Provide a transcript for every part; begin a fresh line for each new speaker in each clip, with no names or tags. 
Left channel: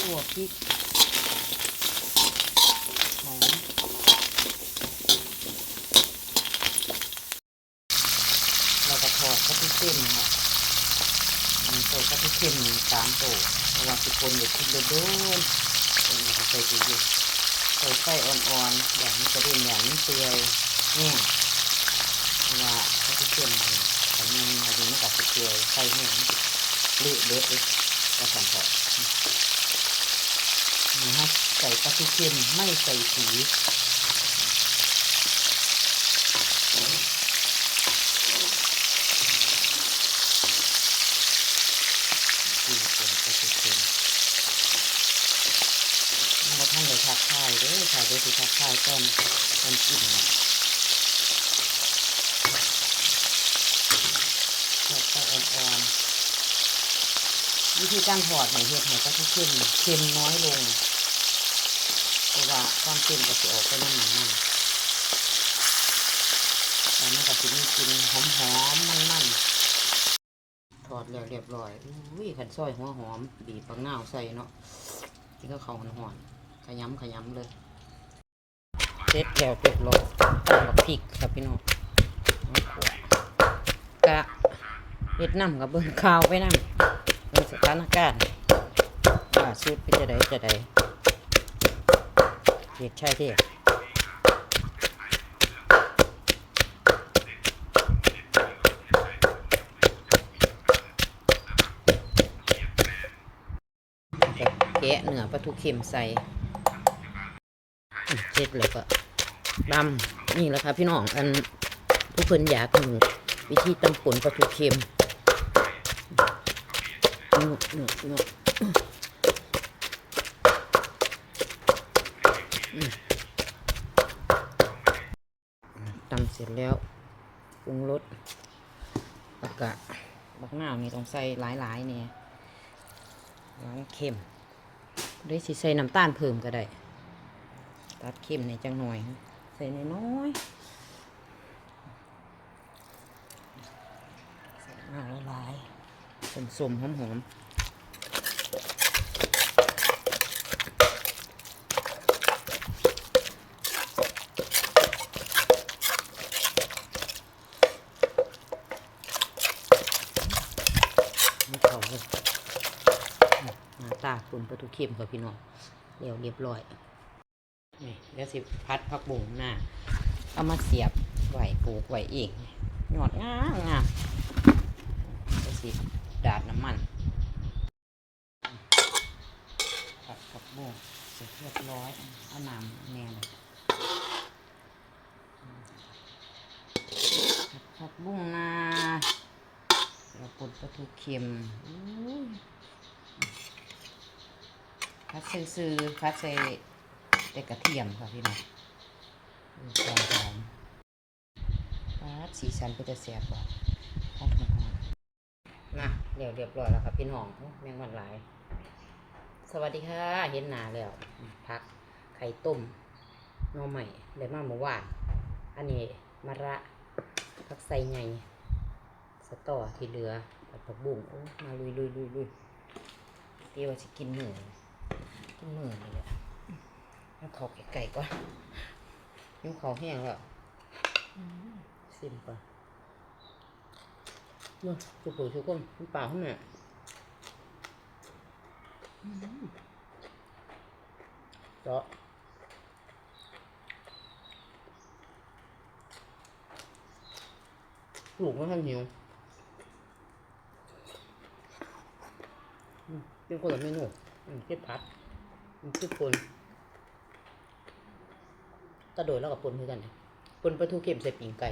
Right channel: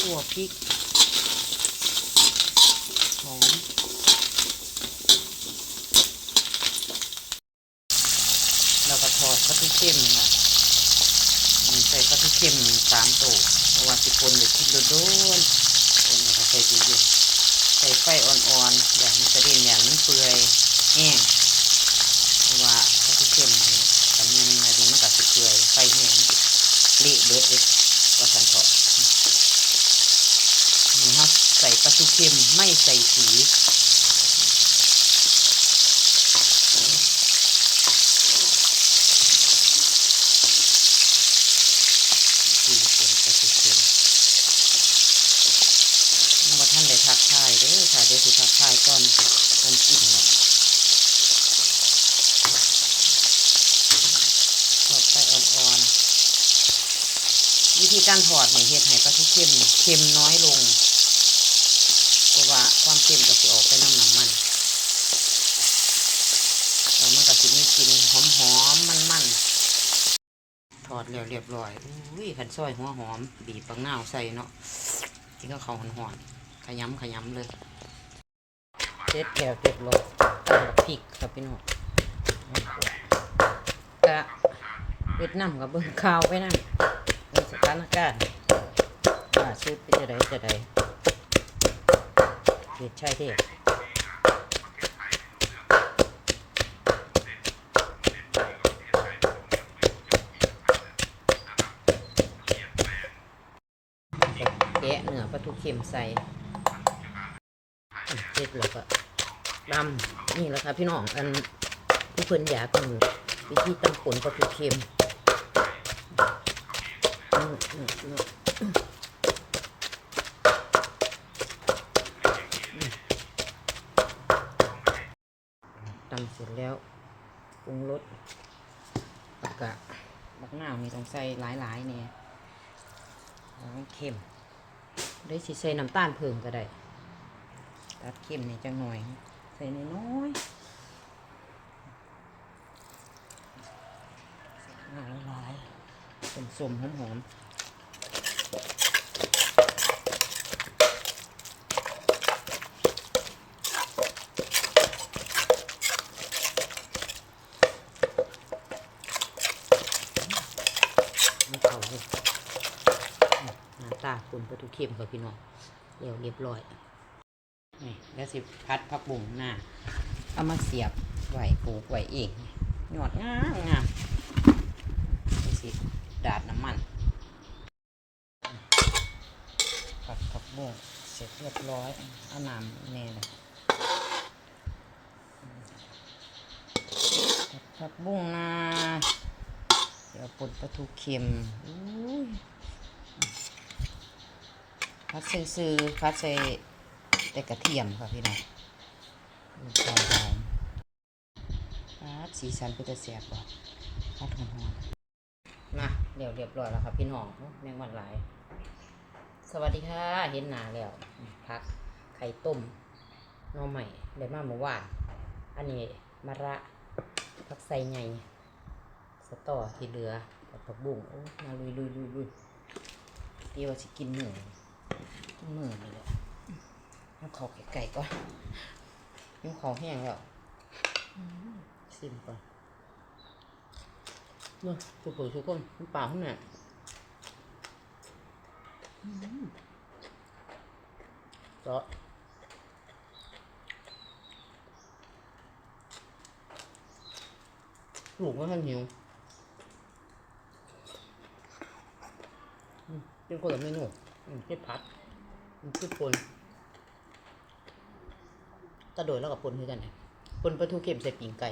ขั่วพริกหอมเราก็ทอดปลาทูเข้มค่ะใส่ปลาทูเข้มสามตัวเพราะว่าสิคนอยู่กินโดนๆคนนี้ก็ใส่ตู้เย็นใส่ไฟอ่อนๆอย่างมันกระเด็นอย่างมันเปื่อยแห้งเพราะว่าปลาทูเข้มนี่กันยังไงดีมันก็สิเปื่อยไฟแห้งเละเบิดเลยก็สั่นทอด นี่ครับใส่ปลาทูเค็มไม่ใส่สีสีเป็นปลาทูเค็มเมื่อท่านได้ทักทายเด้อค่ะเดี๋ยวสิทักทายก่อนก่อนกินเนาะทอดไปอ่อนๆวิธีการถอดให้เฮ็ดให้ปลาทูเค็มเค็มน้อยลง ว่าความเค็มก็สิออกไปน้ำหนังมันแล้วมันก็สิมีกลิ่นหอมหอมมันมันถอดแล้วเรียบร้อยอุ้ยขันซอยหัวหอม บีบปังเนาใส่เนาะกินก็เขาวหอนๆขยำขยำเลยเสร็จแล้วเรียบร้อยตามกับพริกครับพี่น้องกะเฮ็ดน้ำกับเบิ่งข้าวไปนั่งในสถานการณ์ว่าซื้อไปจะได้จะได้ เด็กชายเทพจะแกะเหนือปลาทูเค็มใส่เสร็จแล้วก็ดำนี่แหละค่ะพี่น้องอันผู้เพิ่นอยากรู้วิธีตำป่นปลาทูเค็มอืมอืมอืม ตำเสร็จ แล้วปรุงรสแล้วก็บักหน้าวนี่ต้องใส่หลายๆเนี่ยล้างเค็มได้สิใส่น้ำตาลเพิ่มก็ได้ตัดเค็มในจังหน่อย ใส่น้อยๆใส่หน้าละลายสมๆหอมๆไม่เขาเลยอะหน้าตาคุณ ปลาทูเค็มกับพี่น้องเรียวเรียบร้อยนี่แล้วสิพัดพักบุ่งหน้าเอามาเสียบไหวปลูกไหวเองหยอดงามงามแล้วสิดาดน้ำมันผัดผักบุ้งเสร็จเรียบร้อยเอาน้ำแน่นะผัดผักบุ้งนาแล้วปนปลาทูเค็มอุ้ ยพัดซื้อๆพัดใส่แต่กระเทียมค่ะพี่น้องหอมปาดสีสันก็จะแซ่บบ่ปาดหอมๆนะเรียบเรียบร้อยแล้วครับพี่น้องโอ้แมงวันหลายสวัสดีค่ะเห็นหนาแล้วอืมพักไข่ต้มน่อใหม่เลยมาเมื่อวาน อันนี้มะระผักใส่ไงสตอที่เหลือกับผักบุ้งโอ้มาลุยลุยลุยลุยเดี๋ยวจะกินหมูกิ นหมูนี่แหละเอาเขาไก่ก่อนยิ้มเขาแห้งแล้วซิมก่อนนู่นสุกุสุกุนมันเปล่าข้างหน้าเจาะลูกไม่ทันหิวเป็นคนละเมนูอืมคือผัด อืมคือปนตะโดดแล้วกับปนคือกันปนปลาทูเค็มใส่ปิ่งไก่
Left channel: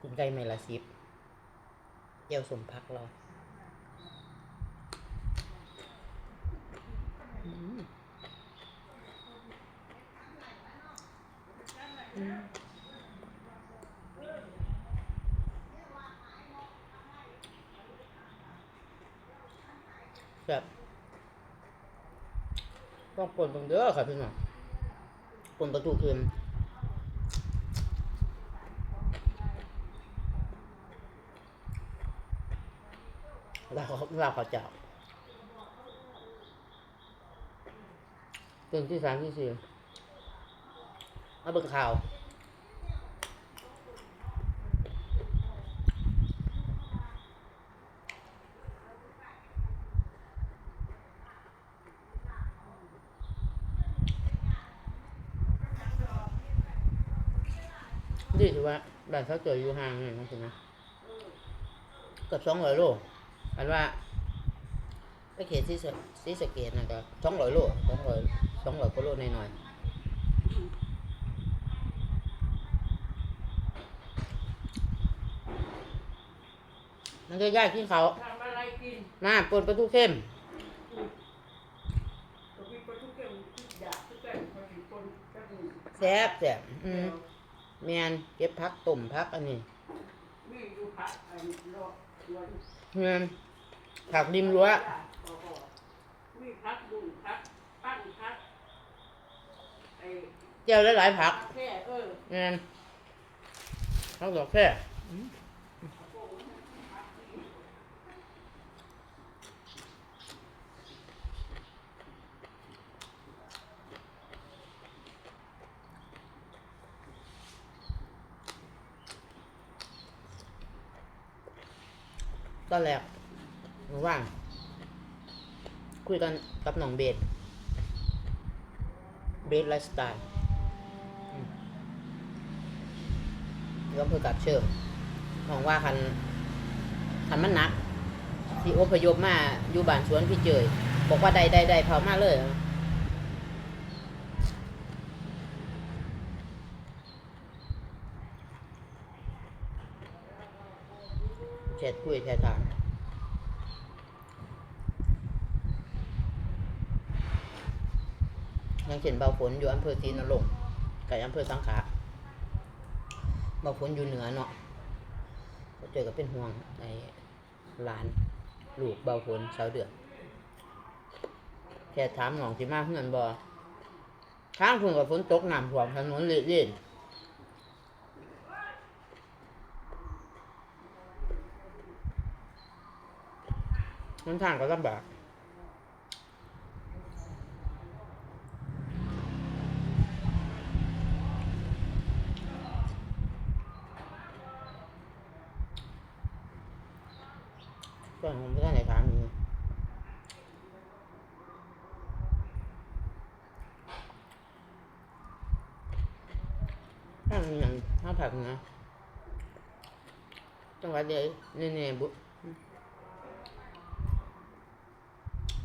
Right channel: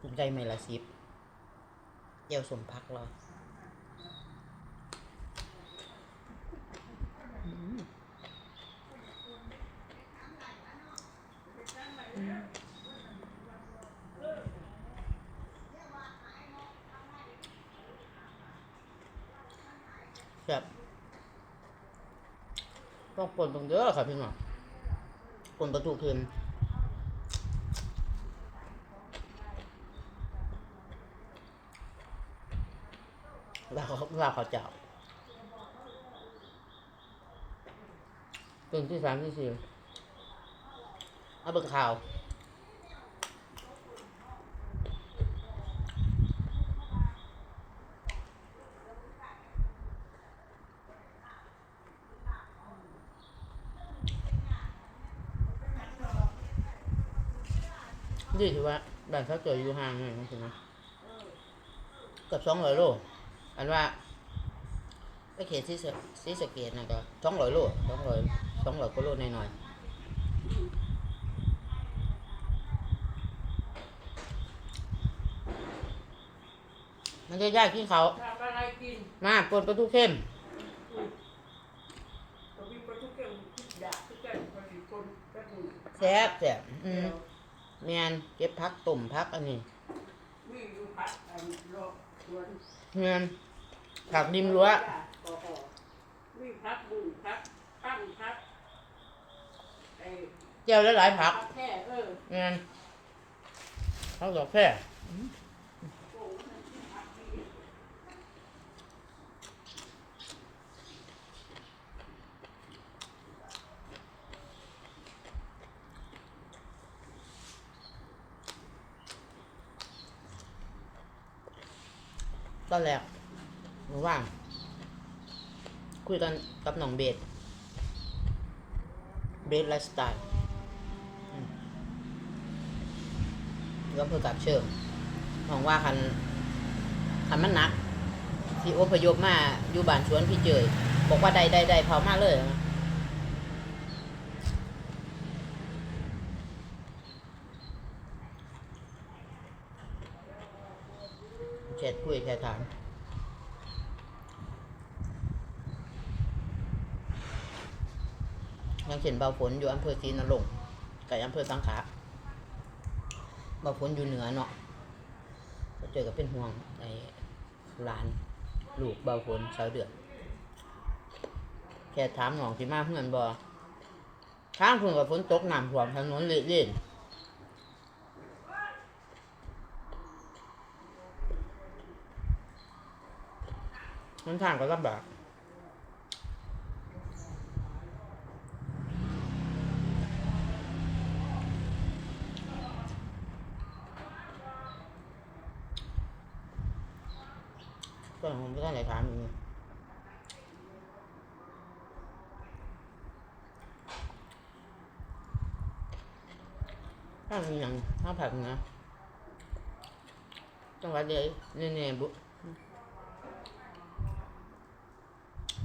ปิ่งไก่ไม่ละสิบเจียวสมพักรอมอืมแบบ ต้องปนตรงเด้อค่ะพี่น้องปนประตูเค็มลาวเขาลาวเขาเจ้าตื่นที่สามที่สี่เอาเบิ่งข่าว ดีถือว่า บ้านเขาเจออยู่ห่างหน่อยมั้งสินะเกือบสองร้อยโลอันว่าไปเขตซีสะซีสะเกตนะก็สองร้อยโลสองร้อยสองร้อยกว่าโลหน่อยๆมันจะยากที่เขาว
ทำอะไรกิน
มาปนปลาทูเข้ม
ก็มีปลาทุกอย่างอยากทุกอย่างปลาทุกคนก็ถูก
แซ่บแซ่บอืม แมนเก็บพักตุ่มพักอันนี้
มีอยู่พักอันรอสวน
แมนผักริมรั้ว
จ้าพอพอมีพักบุญพักตั้งพักไอ้
เจียวหลายๆผัก
แค่เออ
แมนเขาบอกแค่ ตอนแรกว่าง คุยกันกับน้องเบสเบสไลฟ์สไตล์อืมก็เพื่อกับเชิงมองว่าคันคันมันหนัก ที่อพยพมาอยู่บ้านสวนพี่เจยบอกว่าใดใดใดเผามาเลยนะ แชทคุยแชทามอย่างเช่นเบาฝนอยู่อำเภอศรีนรงค์กับอำเภอสังขะเบาฝนอยู่เหนือเนาะเจอกับเป็นห่วงไอ้หลานลูกเบาฝนชาวเดือนแค่ถามหนองสิมาเพื่อนบอข้างเพื่อนกับฝนตกน้ำท่วมถนนเละเล่น มันทางก็ลำบากก็ผมไม่ได้ไหนถามอยู่ถ้ามีอย่างถ้าผักนะจังหวัดเดียวเนี่นี่บุ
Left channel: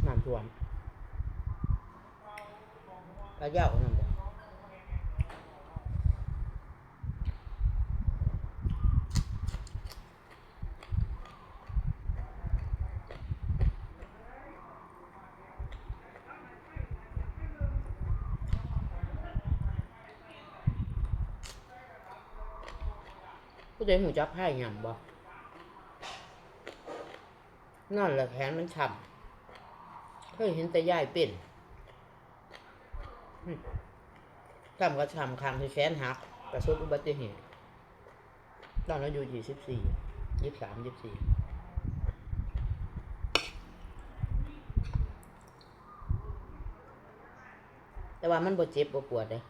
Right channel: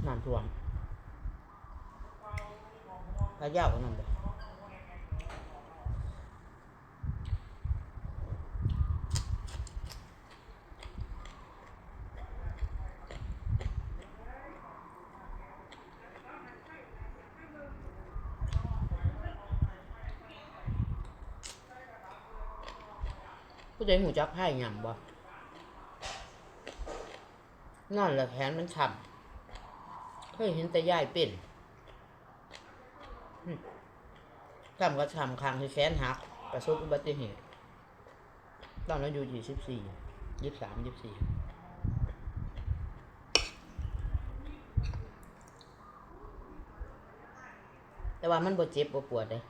น้ำท่วมระเจ้าก็น้ำบ่ผู้ใดหูจักไพ่ยังบ่นั่นแหละแขนมันฉ่ำ เคยเห็นแต่ยายเป็นหึฉ่ำก็ฉ่ำคางที่แขนหัก ประสบอุบัติเหตุ ตอนนั้นอยู่ยี่สิบสี่ยี่สิบสามยี่สิบสี่แต่ว่ามันบ่เจ็บบ่ปวดเลย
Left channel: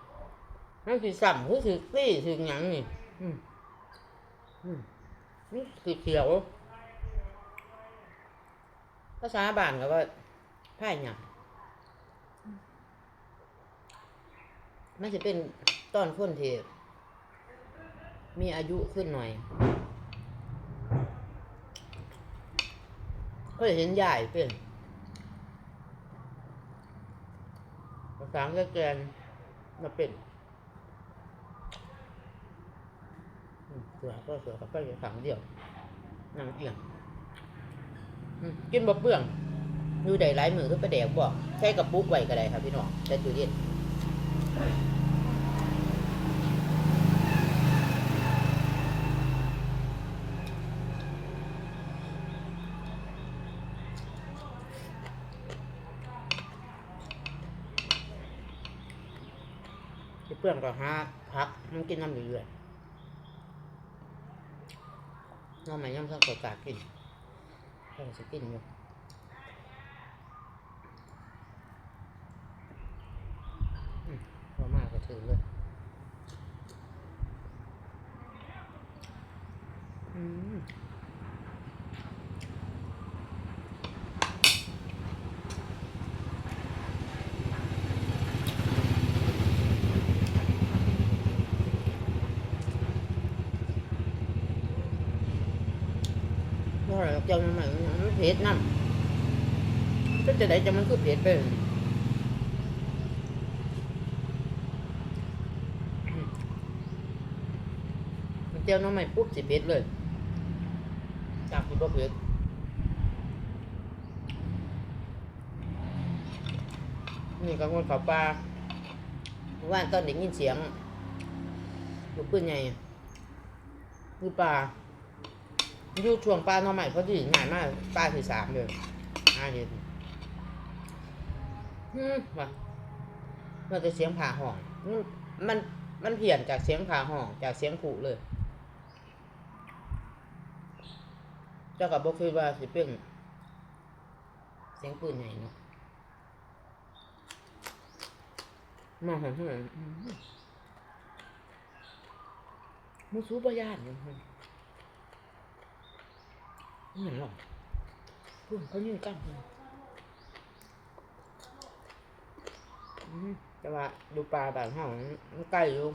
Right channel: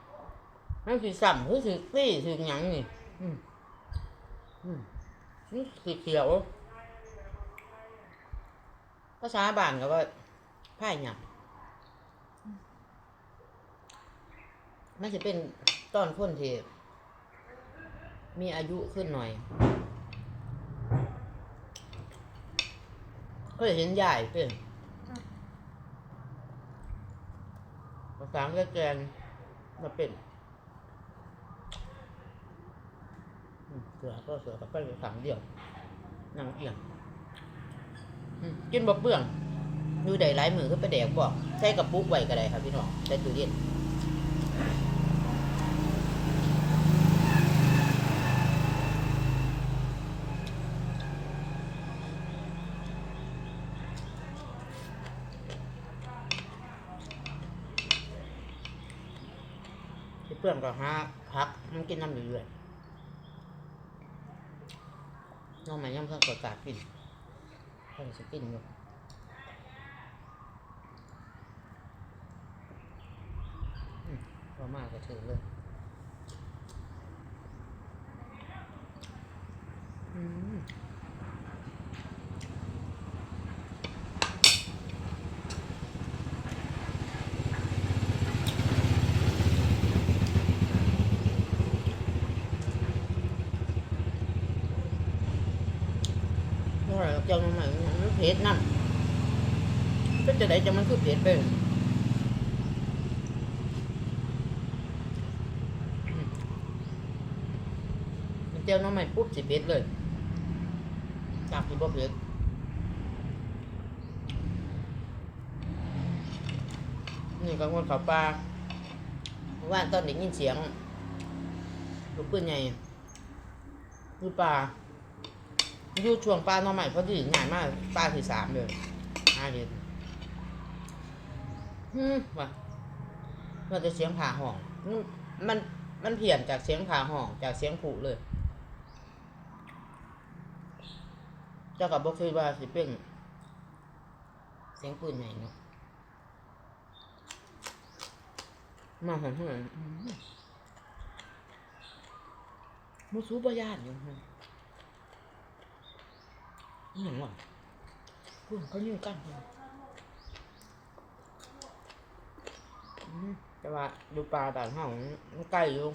มันสิสั่มคือสิซี่สิหยังนี่อืมอืมนี่สีเขียวภาษาบ้านก็ว่า ผ้าหยังมันจะเป็นต้นคนที่มีอายุขึ้นหน่อยเคยเห็นใหญ่เป็นภาษาแกแกนมาเป็นเสือก็เสือกับไปขังเดียวนางเอียงอืมกินบ่เปลือง ดูได้หลายมือคือไปแดกบอกใส่กับปุกไว้ก็ได้ครับพี่น้องใส่ตู้เย็นเปลืองก็หาพักมันกินน้ำเรื่อยน้องใหม่ย่ำข้าวกดกากินข้าวจะกินอยู่ พอมากก็ถือเลยอืมอร่อยจังมันมันเผ็ดน้ำก็จะได้จังมันคือเผ็ดไปเลย มันเจียวน้องใหม่ปุ๊บสิเผ็ดเลยจากที่บ่เผ็ดนี่ก็คนเขาปลาเมื่อว่านตอนได้ยินเสียงลูกปืนใหญ่คือปลาอยู่ช่วงปลาน้องใหม่เพอดีง่ายมากปลาที่สามเลยห้าเห็นฮึมว่ะมันจะเสียงผ่าห้อง มัน มัน มันเพี้ยนจากเสียงผ่าห้อง จากเสียงขู่เลย เจ้ากับบอกคือว่าสิเป็นเสียงปืนใหญ่เนาะมาหอมเหือนมูซูปยานอยู่ฮะนี่หยังวะพูดเขายืนกันพุ่นแต่ว่าดูปลาแบบห้องมันใกล้อยู่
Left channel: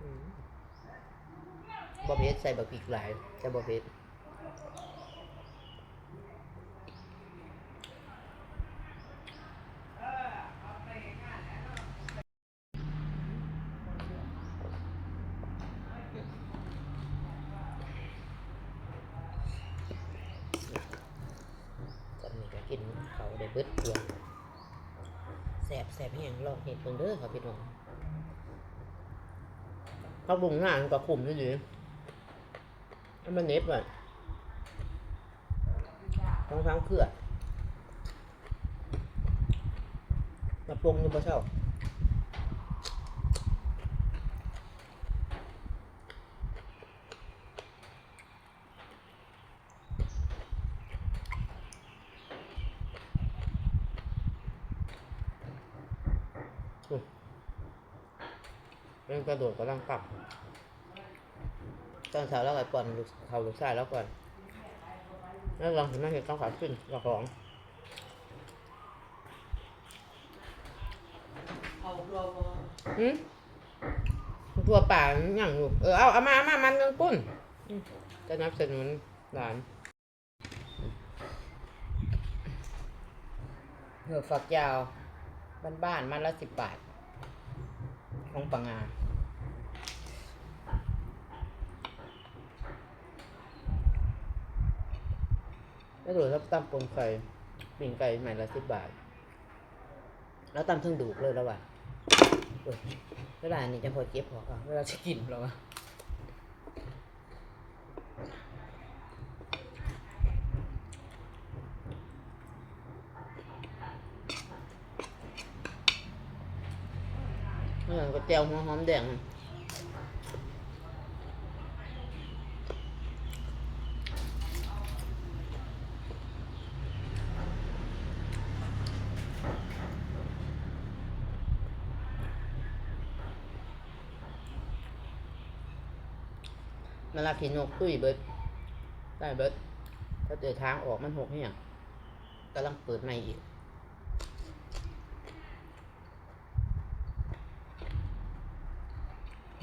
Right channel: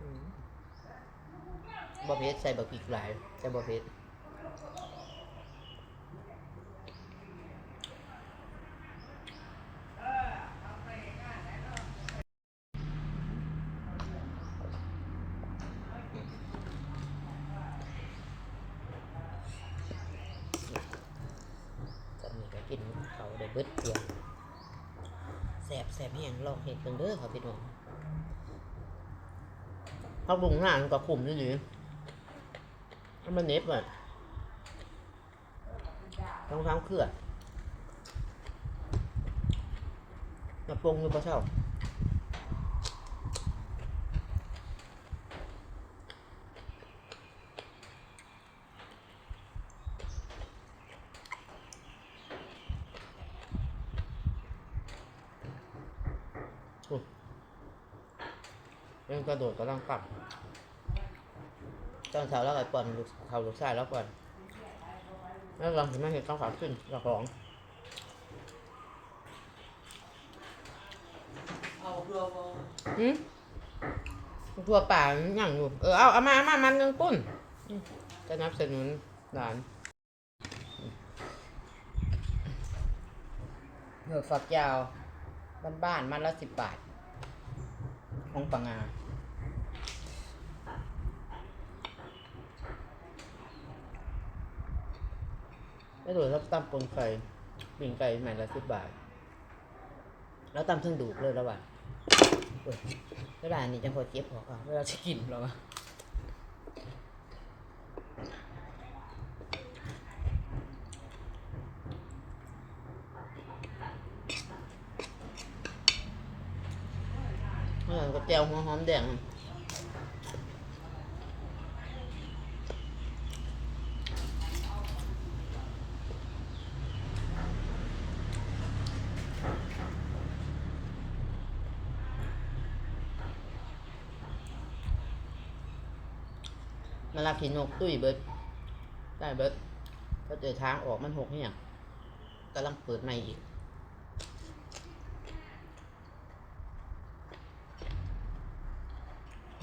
อืมบะ เพ็ดใส่บะพริกหลายแต่บะเพ็ดตอนนี้ก็กินเขาได้เบิดเกลือแสบแสบแห้งลองเห็ดเบิ่งเด้อครับพี่น้องเขาบุงงานกับขุมนี่ดิ ให้มันเน็บอะต้องทั้งเครือจะปรุงอยู่ปะเช่าเรื่องกระโดดกำลังกลับ ตอนเช้าแล้วก็ก่อนลูกเขาลูกชายแล้วก่อนแล้วลองถึงแม่เห็นต้องขาขึ้นกับของ
อื
มทั่วป่ามันอย่างอยู่เออเอาเอามาเอามามันยังปุ้นจะนับสนุนหลานเหือฝักยาว บ้านๆมันละสิบบาท ของปังงา แล้วโดยรับตำปนไก่ปิ่งไก่ใหม่ละสิบบาท แล้วตำเทั้งดูกเลยแล้วว่ะเว้ยเวลานี้จังพอเจ็บพออะเวลาจะกินแล้วว่ะเมื่อก็แจวหัวหอมแดง อะมาลาขีนกตุ้ยเบิดได้เบิดถ้าเจอทางออกมันหกเนี่ยกำลังเปิดใหม่อีก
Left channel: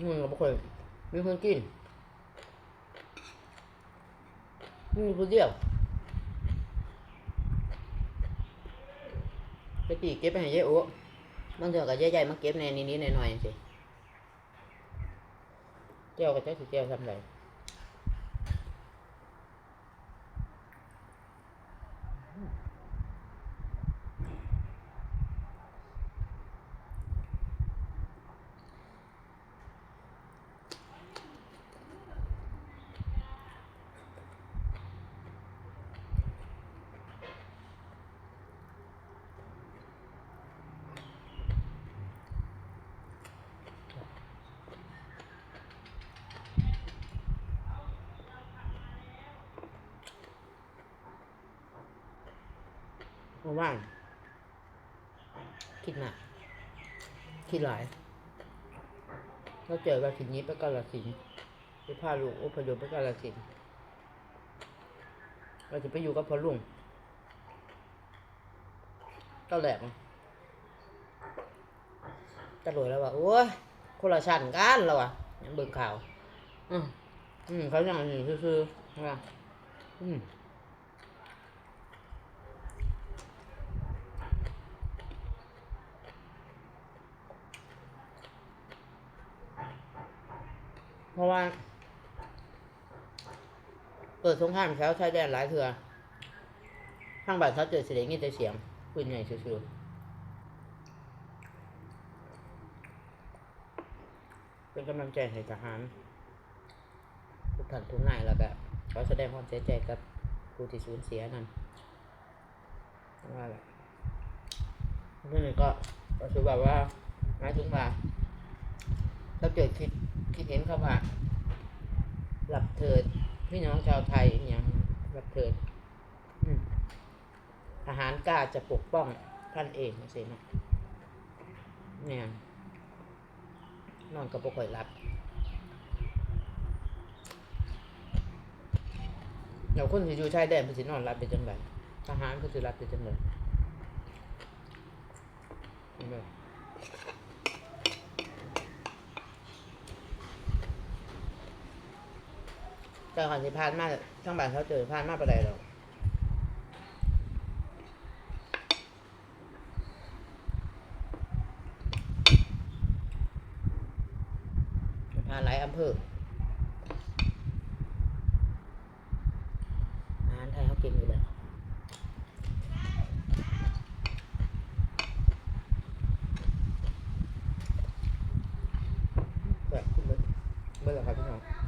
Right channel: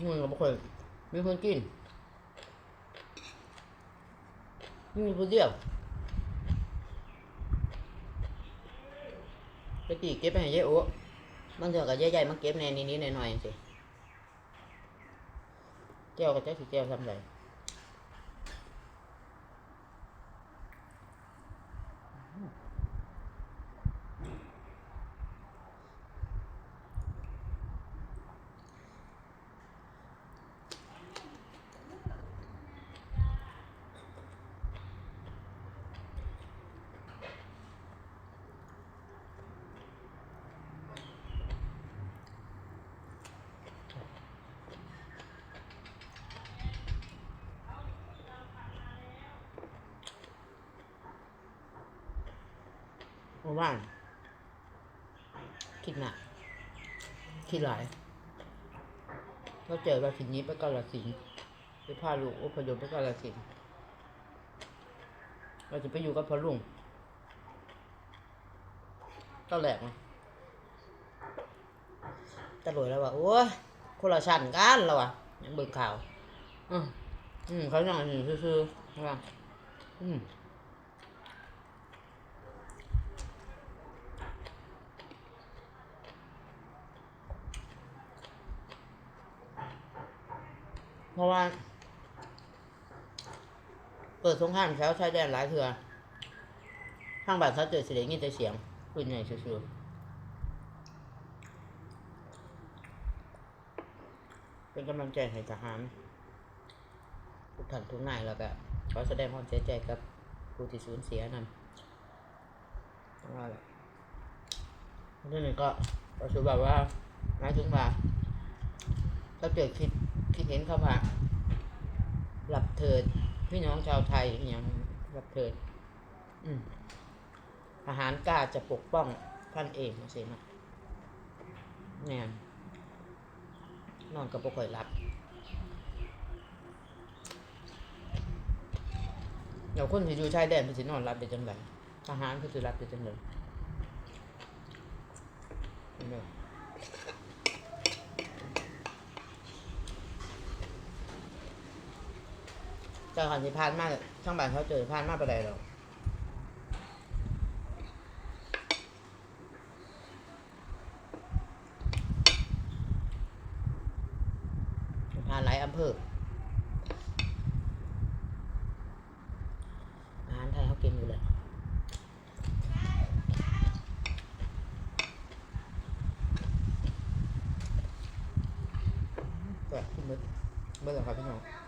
มึงกับคนมีคนกินมีคนเดียวไปตีเก็บไปให้ยายโอ้บางเถื่อกับยายใหญ่มาเก็บในนี้นิดๆหน่อยๆสิเจ้ากับเจ้าสิเจ้าทำไร มื่อวานคิดหนักคิดหลายเราเจอกับสินนี้ไปกาลสินไปพาลูกอพยพไปกาลสินเราจะไปอยู่กับพ่อลุงตอนแรกอะตำรวจแล้วว่าโอ้ยคนละชั้นกันแล้วอะยังเบิ่งข่าว อืมอืมเขาอย่างนี้ซื่อๆใช่ป่ะอืม ราะว่าเปิดสงครามแถวชายแดนหลายเถื่อทางบ้านเขาเจอเสียงยินแต่เสียงปืนใหญ่ซื่อๆเป็นกำลังใจให้ทหารทุกท่านทุกนายแล้วก็ขอแสดงความเสียใจกับผู้ที่สูญเสียนั่นเพราะว่าแบบเรื่องนี้ก็ก็คือแบบว่าหมายถึงว่า ถ้าเกิดคิดคิดเห็นเข้ามาหลับเถิด พี่น้องชาวไทยอย่างหลับเถิดทหารกล้าจะปกป้องท่านเองนะสินะเนี่ยนอนกับปค่อยรับเดี๋ยวคนที่อยู่ชายแดนเพิ่นสินอนรับเป็นจังไดทหารเพิ่นสิรับเป็นจังไดเห็นไหม ล่ะเจ้าขันสิพานมาทั้งบ้านเขาเจอพานมาไปานใดดอกพานหลายอำเภออาหารไทยเขาเก่งอยู่แล้วแบบขึ้นเบิดเบิดแล้วครับพี่น้อง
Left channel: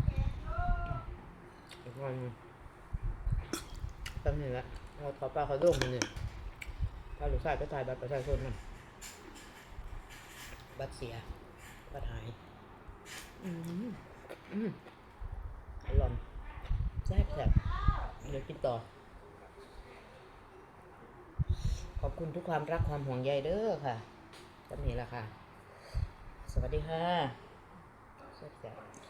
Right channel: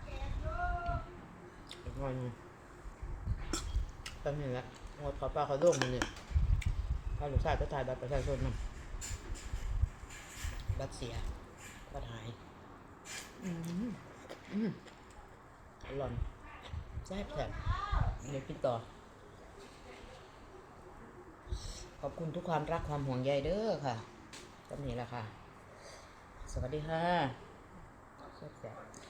กวันหนึงแป๊บนึงละงดขอปลาเขาโด่งมันเนี่ยถ้าลูกชายก็ถ่ายบัตรประชาชนนำบัตรเสีย บัตรหาย อืมอืมอร่อยแซ่บแซ่บเดี๋ยวกินต่อ ขอบคุณทุกความรักความห่วงใยเด้อค่ะจำนี้ละค่ะ สวัสดีค่ะแซ่บๆ